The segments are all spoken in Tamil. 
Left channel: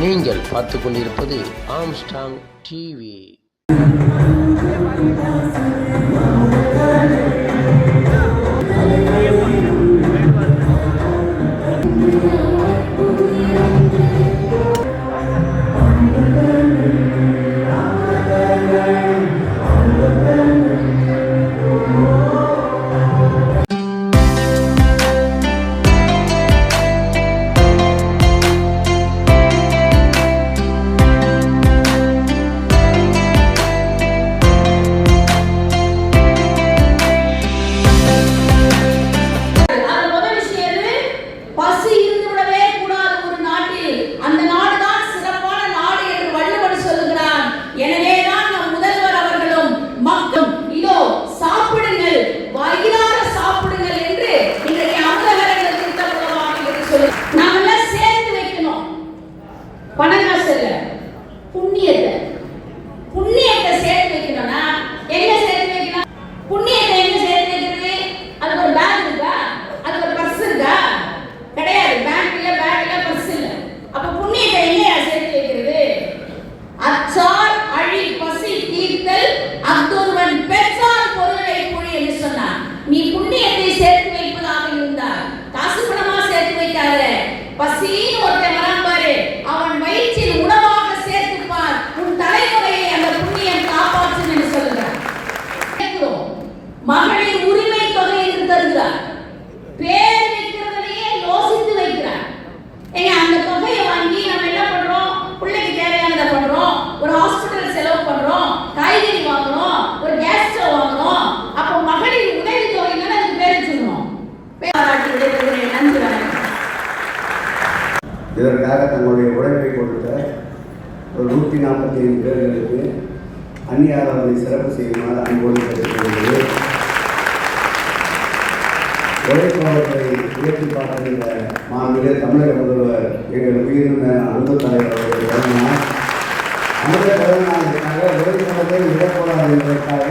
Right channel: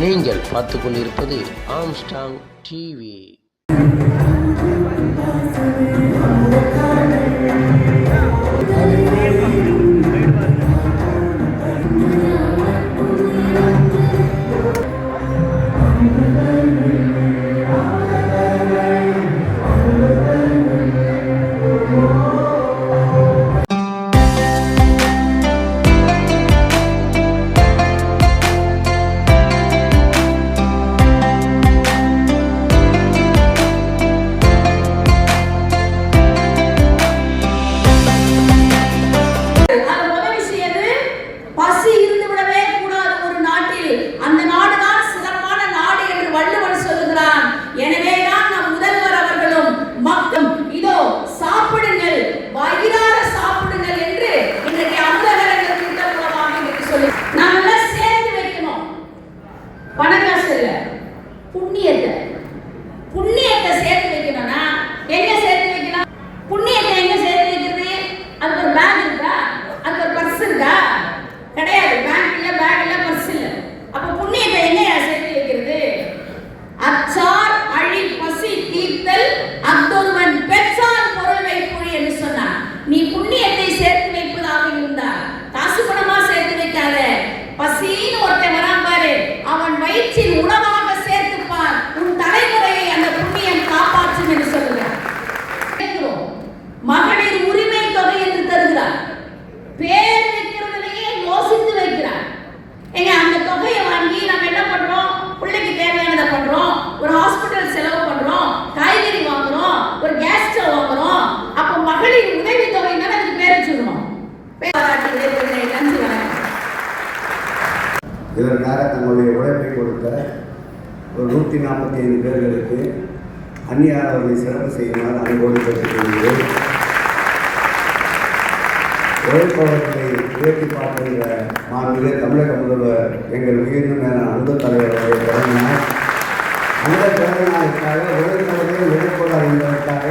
நீங்கள் பார்த்து கொண்டிருப்பது ஆம்ஸ்டாங் டிவி. இதற்காக தன்னுடைய உழைப்பை கொடுத்த ஒரு 145 பேர்களுக்கு அந்நியார் அவர்களை சிறப்பு செய்யுமாறு அன்போடு கேட்டுக்கொள்கிறது. உழைப்பாளர்களை உயர்த்தி பாடுகிற மாண்பு தமிழக முதல்வர் எங்கள் உயிரின அன்பு தலைவர்களுடைய பிறந்தநாள். அந்த பிறந்தநாளுக்காக உழைப்பாளர்கள் உழைப்பாளர் என்பதற்காக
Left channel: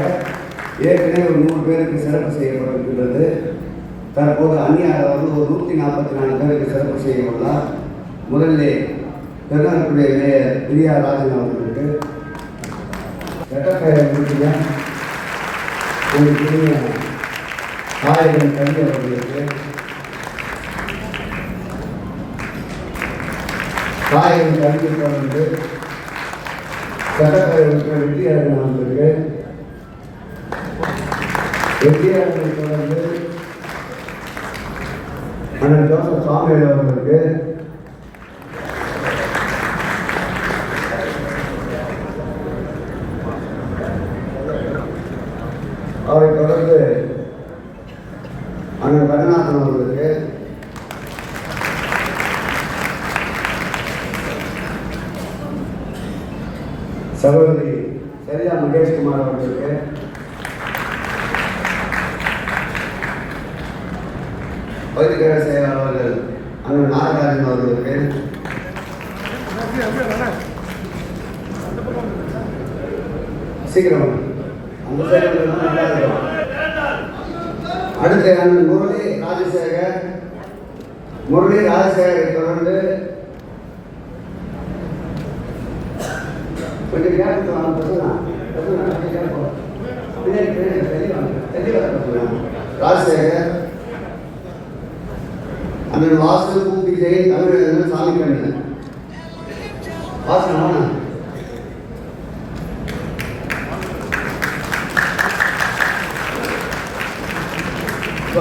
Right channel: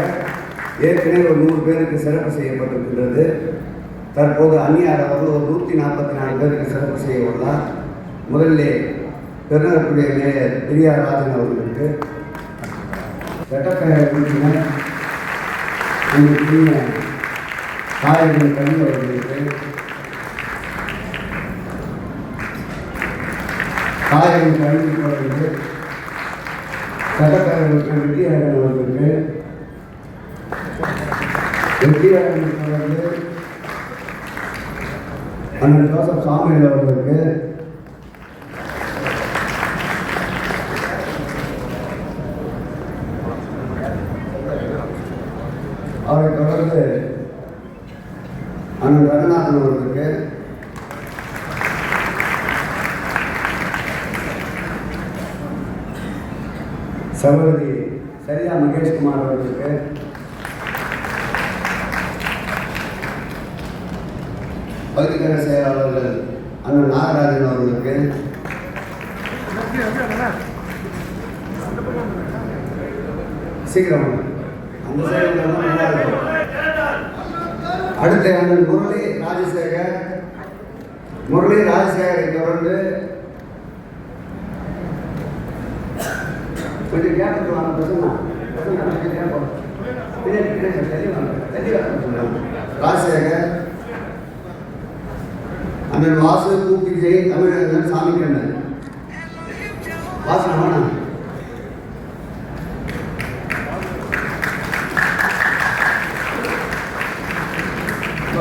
ஏற்கனவே ஒரு 100 பேருக்கு சிறப்பு செய்யப்பட்டிருக்கிறது. தற்போது அந்நியார் அவர்கள் ஒரு 144 பேருக்கு சிறப்பு செய்ய உள்ளார். முதலிலே பெருநகரத்துடைய மேயர் பிரியா ராஜன் அவர்களுக்கு, வெட்டப்பெயர் முடிச்சுடன் உங்களுக்கு காயகன் கல்வி அவர்களுக்கு, காயகன் கல்வி அவர்களுக்கு, வெட்டப்பெயர்களுக்கு வெற்றியாளன் அவர்களுக்கு, வெற்றியாளர்கள் தொடர்ந்து அண்ணன் ஜோசப் சாமியல் அவர்களுக்கு, அவரை தொடர்ந்து அண்ணன் ரங்கநாதன் அவர்களுக்கு, சகோதரி சரியா மகேஷ்குமார் அவர்களுக்கு, பகுதிக்கழக செயலாளர்கள் அண்ணன் நாகராஜன் அவர்களுக்கு, சீக்கிரம் அடுத்த அண்ணன் முரளி ராஜசேகரை தொடர்ந்து கொஞ்சம் ராஜசேகர், அண்ணன் வாசு கூப்பி ஜெயின், தமிழ் சாமி கண்ணன் வாசனா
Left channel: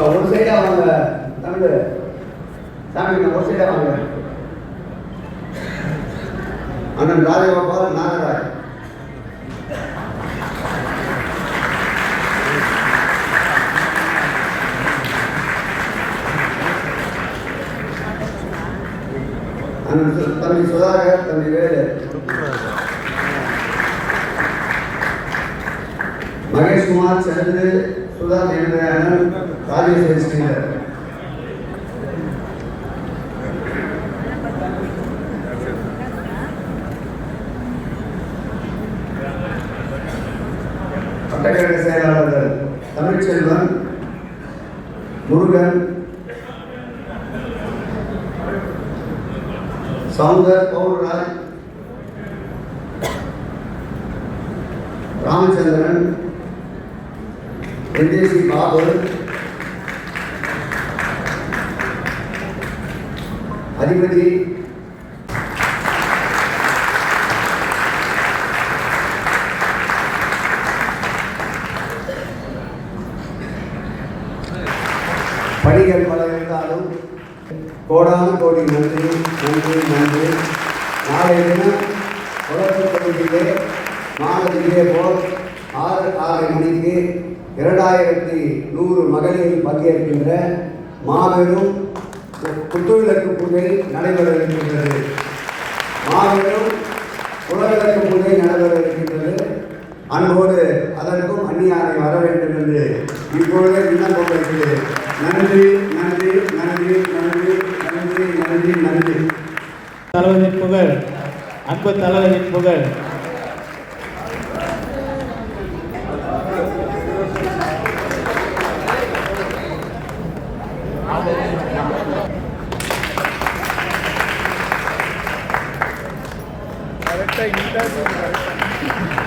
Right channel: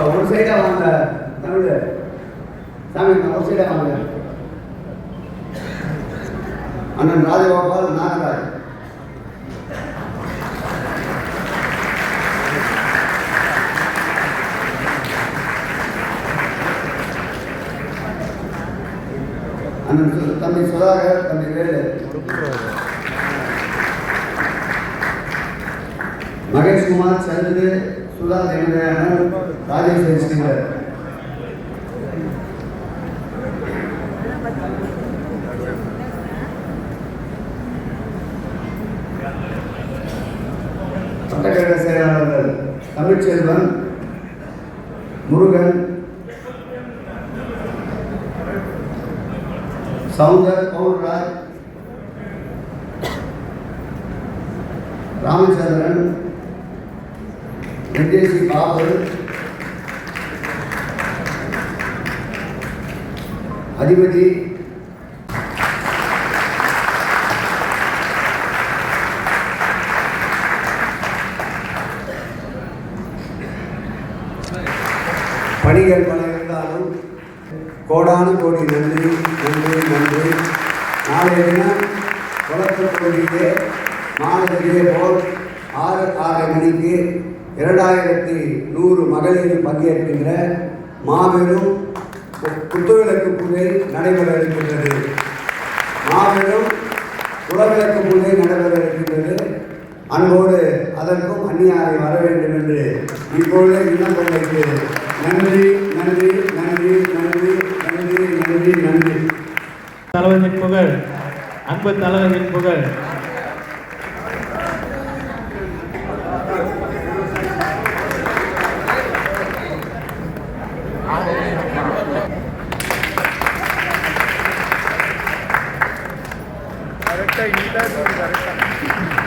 ஒரு சைடா வாங்க. தமிழ் சாமி ஒரு சைடா வாங்க. அண்ணன் ராஜகோபால் நாகராஜ், அண்ணன் தம்பி சுதாகர், தம்பி வேலு, மகேஷ்குமார், சந்திர, சுதா தேவதேவன், ராஜேஸ்வரி ஸ்ரீதர், சட்டக்கழக செயலாளர்கள் தமிழ்ச்செல்வன், முருகன், சௌந்தர், பவுர்ராஜ், ராமச்சந்திரன், NDC பாபு, அதிபதி, பணிகள் பல இருந்தாலும் கோடான கோடி நன்றி நன்றி நன்றி. நாளைய தினம் தொடக்க பகுதியிலே மாணவர்களே போல் 6 மணிக்கு 2100 மகளிர் பங்கேற்கின்ற மாபெரும் குத்துவிளக்கு பூஜை நடைபெற இருக்கின்றது. மாபெரும் குலவிளக்கு பூஜை நடைபெற இருக்கின்றது. அன்போடு அதற்கும் அந்நியாரை வர வேண்டும் என்று இப்பொழுது விண்ணப்பம் வைக்கிறேன். நன்றி நன்றி நன்றி நன்றி நன்றி நன்றி நன்றி. தலைவரின் புகழ், அன்பு தலைவரின் புகழ். கரெக்டாக